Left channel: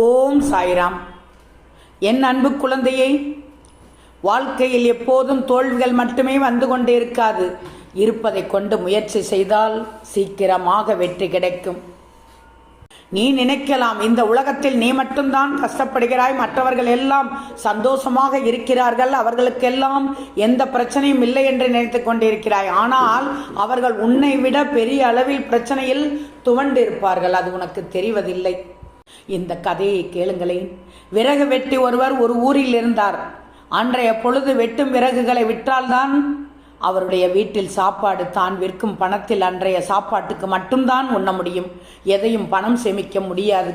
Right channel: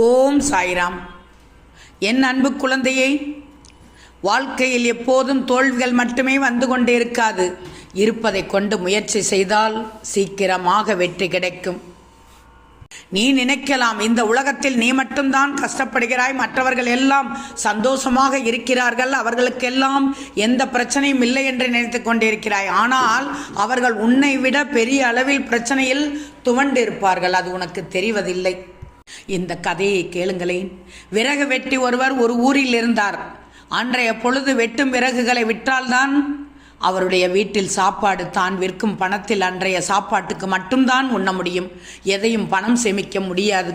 ஓம் சாய்ராம். என் அன்பு குழந்தையை, வாழ்க்கையில் எப்போதும் தோல்விகள் மட்டுமே வந்து கொண்டே இருக்காது. இருப்பதை கொண்டு முயற்சி செய்தால் சீக்கிரமாக வெற்றி கிடைக்கும். நீ நினைக்கலாம், இந்த உலகத்தில் நீ மட்டும்தான் கஷ்டப்படுகிறாய், மற்றவர்கள் எல்லாம் சந்தோஷமாக இருக்கிறார்கள், அவர்களுக்கெல்லாம் எந்த பிரச்சனையும் இல்லை என்று நினைத்து கொண்டிருக்கிறாய். ஆனால் அவர்கள் உன்னை விட பெரிய அளவில் பிரச்சனையில் துவண்டு இருப்பார்கள். அது உனக்கு தெரிவதில்லை. இந்த கதையை கேளுங்களேன். விறகு வெட்டி ஒருவர் ஒரு ஊரில் இருந்தார். அன்றைய பொழுது வெட்டும் விறகுகளை விற்றால்தான் அவருடைய வீட்டில் சாப்பாடு. தான் விற்கும் பணத்தில் அன்றைய சாப்பாட்டுக்கு மட்டும்தான் உண்ண முடியும். எதையும் பணம் சேமிக்க முடியாது.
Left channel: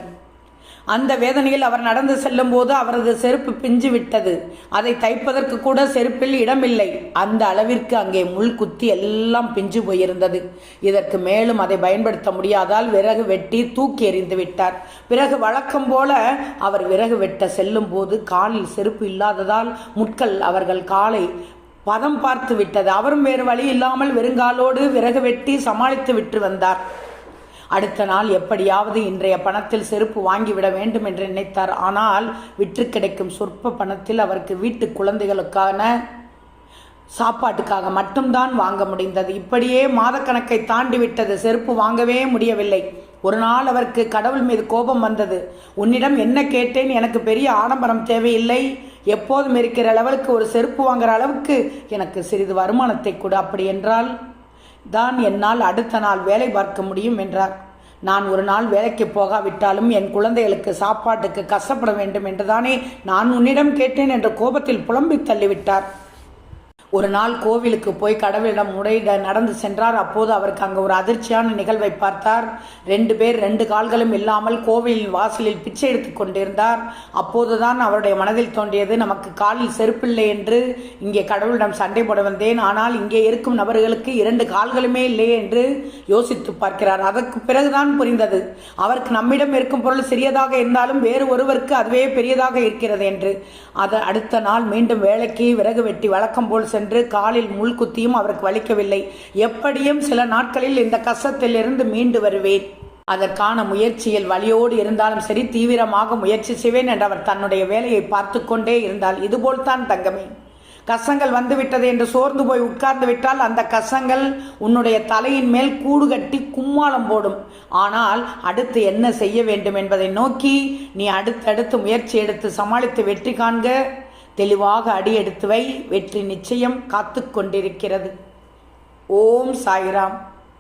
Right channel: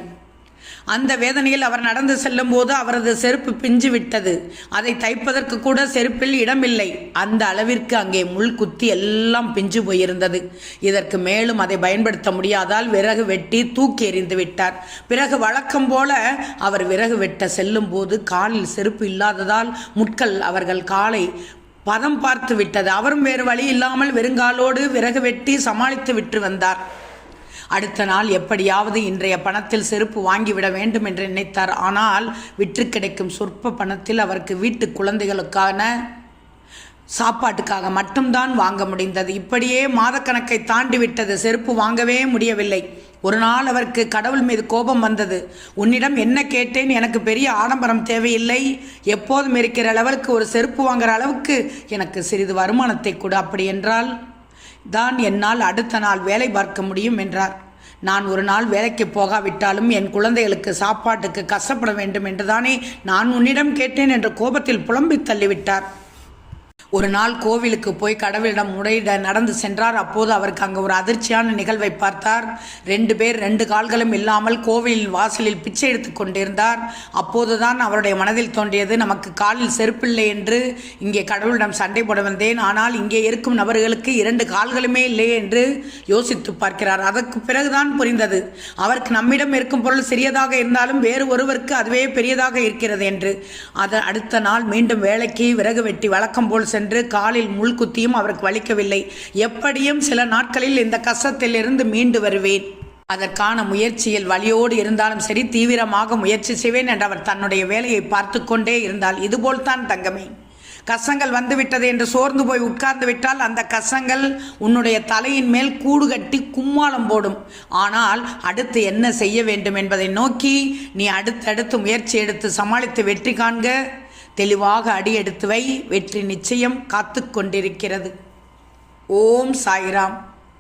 அந்த வேதனையில் அவர் நடந்து செல்லும் போது அவரது செருப்பு பிஞ்சு விட்டது. அதை தைப்பதற்கு கூட செருப்பில் இடமில்லை. அந்த அளவிற்கு அங்கே முள் குத்தி எல்லாம் பிஞ்சு போயிருந்தது. இதற்கு மேலும் அதை பயன்படுத்த முடியாதால் விறகு வெட்டி தூக்கி எறிந்து விட்டார். பிறகு வழக்கம் போல அவர் விறகு வெட்ட செல்லும் போது காலில் செருப்பு இல்லாததால் முட்கள் அவர்கள் காலை பதம் பார்த்து விட்டது. அவரும் வேறு வழி இல்லாமல் வெறுங்காலோடு விறகு வெட்டி சமாளித்து விட்டு வந்தார். அடுத்த நாள் எப்படியாவது இன்றைய பணத்தில் செருப்பு வாங்கிவிட வேண்டும் என்று நினைத்தார். ஆனால் விற்று கிடைக்கும் சொற்ப பணத்தில் அவருக்கு வீட்டு குழந்தைகளுக்கான சாப்பாட்டுக்காக மட்டும்தான் வாங்க முடிந்தது. இப்படியே மாதக்கணக்கை தாண்டி விட்டது. செருப்பு வாங்கவே முடியவில்லை. ஒரு நாள் அவருக்கு கடவுள் மீது கோபம் வந்தது. உன்னிடம் என்ன கேட்டேன்? எனக்கு பெரிய ஆடம்பரம் தேவையில்லை, எப்போதும் இருக்கிற அளவுக்கு ஒரு செருப்பு வாங்குற அளவுக்கு எனக்கு சிறிது வருமானத்தை கொடு. அப்படி என்றால் தான் என்னால் அடுத்த நாள் வேலை பார்க்க முடியும் என்றார். நான் ஒரு நாள் வேலைக்கு போகாவிட்டாலும் என் குழந்தைகளுக்கு சாப்பாட்டுக்கு கஷ்டப்பட வேண்டும் என்றுதானே நான் உன்னிடம் கேட்டேன் என்று கோபத்தில் புலம்பி தள்ளிவிட்டார். ஒரு நாள் கோவிலுக்கு போய் கடவுளிடம் முறையிட நடந்து சென்றார். அப்போது அவருக்கு அங்கு ஒரு அதிர்ச்சியான நிகழ்வை பார்த்தார். 2 பேர் 2 கால்களும் இல்லாமல் கோவிலின் வாசலில் பிச்சை எடுத்து கொண்டிருந்தார். அப்போதுதான் அவருடைய மனதில் தோன்றியது, நமக்கு காலில் செருப்பில்லை என்று இங்கே கடவுளிடம் சண்டை போட வந்தேன், ஆனால் இங்கே இருக்கும் நபர்களுக்கு 2 கால்களுமே இல்லையே என்று யோசித்து பார்க்கிறார். அதற்கு பிறகுதான் புரிந்தது, அவருக்கு நம்மிடம் இருக்கும் பொருள் சிறியதாக இருந்தாலும் வேறு ஒருவருக்கு அதுவே பெரியதாக இருக்கிறது என்று. அடுத்த நாள் மீண்டும் வேலைக்கு விறகு வெட்டி வழக்கம் போல் சென்று காலில் முள் குத்தியும் அவருக்கு வலிக்கவில்லை. எப்படியும் சில நாட்களில் இந்த கஷ்டத்தில் இருந்து மீண்டு வருவேன், அதற்கான முயற்சியில் வலியோடு இருந்தாலும் சரி தீவிரமாக முயற்சி செய்வேன் என்று அவர் தன்னுடைய வேலையை பார்த்து கொண்டே இருந்தால், இதுபோல்தான் தங்கமே, கஷ்டங்கள் வந்துவிட்டது என்று சோர்ந்து போய் உட்கார்ந்து விட்டால் அந்த கஷ்டங்கள் உன்னுடைய தலையின் மேல் கூடு கட்டி கும்மாளம் போடும். ஆனால் அடுத்து என்ன செய்ய வேண்டும் என்பதை நோக்கி நீ அடுத்தடுத்து முயற்சி எடுத்து சமாளித்து வெற்றி காண்க. தெளிவாக அடி எடுத்து வை. வெற்றி நிச்சயம் காத்து கொண்டிருக்கிறது. ஓம் சாய்ராம்.